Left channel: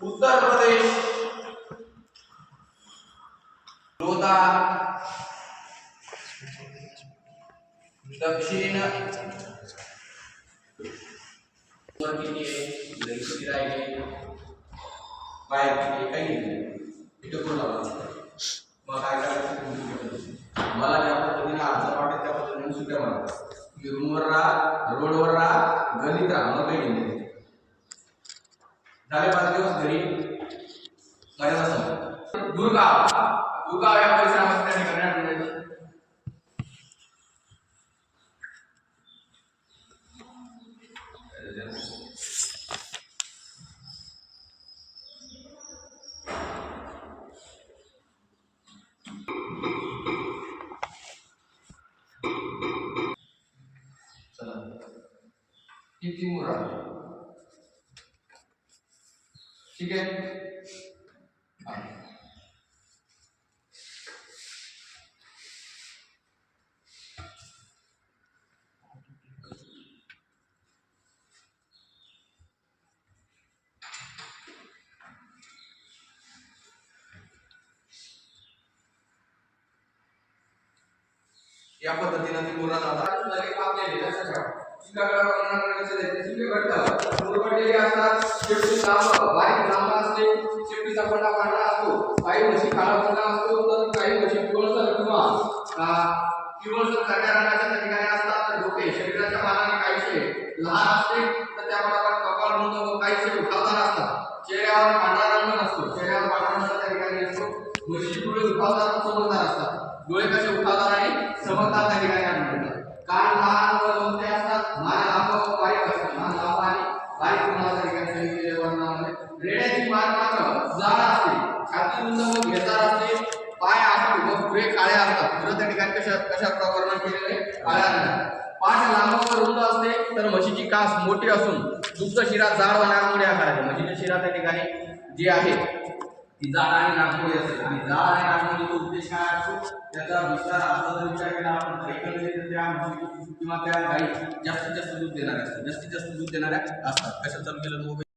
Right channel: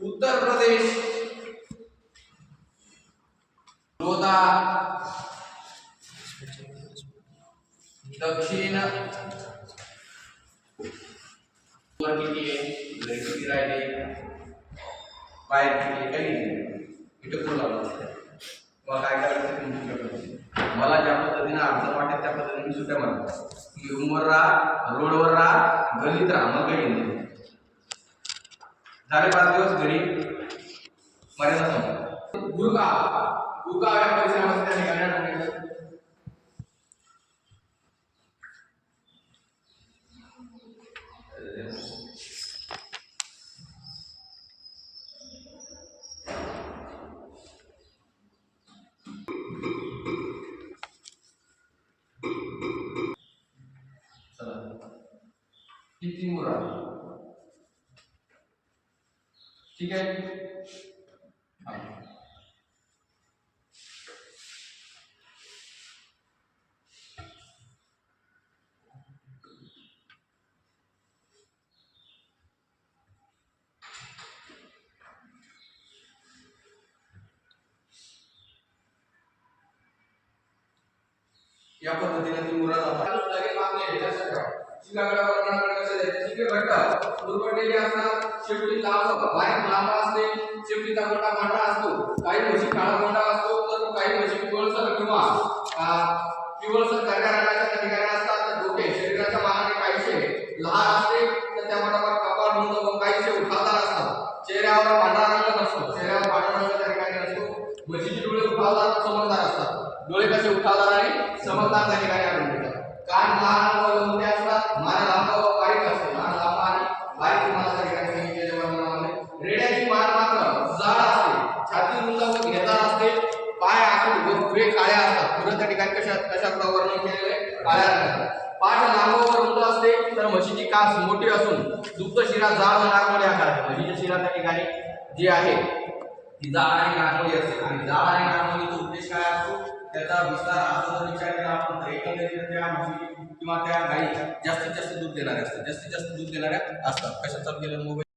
उत्तर प्रदेश लोधा, दक्षिण वर किती आहे, घरी किती राहिले, बाहेर किती आहे, काही नाही इथे पुढे लावला मग काय करायचं तुम्ही सुट्ट्या पद्धतीने मला ज्या पद्धतीने अडचण वाटेल त्या पद्धतीने सुट्ट्या मारा. तुम्ही रूमवर राहा, रोडवर राहा, गल्लीत राहा, मग काही नाही झाले 5 दिवस घरी मर्यादा संपली. दुर्गाव दुर्गाव या परिसरामध्ये त्या ठिकाणी आढळून येतं. चला किती मुरा ठीक आहे. या पद्धतीने ती मुरा जातात. लगेच कापलेले लक्षात ठेवा. शिंगाकडे बघण्याकडे कसं द्यायचं, शिंग घट्ट मुरपटलेले असतात, शेपटी लांब बारीक लांब असते, शेपटीचा कोंडा पांढरा असतो, काही म्हशी काळा कोंडा असतो, तर काही म्हशी पिवळसर किंवा पिवळसर करड्या रंगाच्या त्या ठिकाणी असतात. तर डोके शरीराच्या मानाने काहीसे लहान असते, तर त्यामध्ये कपाळ रुंद व काहीसे उठावदार असतात. चेहऱ्यावर पांढरा रंग नसतो, चेहऱ्यावर पांढरा रंग त्या ठिकाणी नसतो. म्हशीचे डोळे उठावदार व चमकदार असतात. डोळे कसे उठावदार आणि चमकदार त्या ठिकाणी आढळून येतात. कान लहान व लोंबटे असतात. मान लांब व बारीक असते, मान लांब आणि बारीक तुम्हाला त्या ठिकाणी सांगितलेल्या वर्णनामध्ये. रेड्याची मान मात्र जाड असते, छाती रुंद व घेरदार असते, पाय आखूड व पुढे काळे असतात. पुढे त्या ठिकाणी कशा वर्णन केलेले काळ्या रंगात. पाठ लांब व रुंद असते, तर म्हशीची कास मोठी असून दुग्ध शिरा जाड व नागमोडी आकाराची. म्हशीची शिरा त्या ठिकाणी जी आहे ती जाड आणि नागमोडी असते. आणि जाड आणि नागमोडीचा उद्देश काय असतो, त्याचा विस्तार असा जर विचार केला आपण तर एकंदरीत त्या म्हशी किंवा त्या गायी जास्तीत जास्त दूध देणाऱ्या असतात, जास्तीत जास्त दूध देणाऱ्या असतात. कशा चालू केलं मोबाईल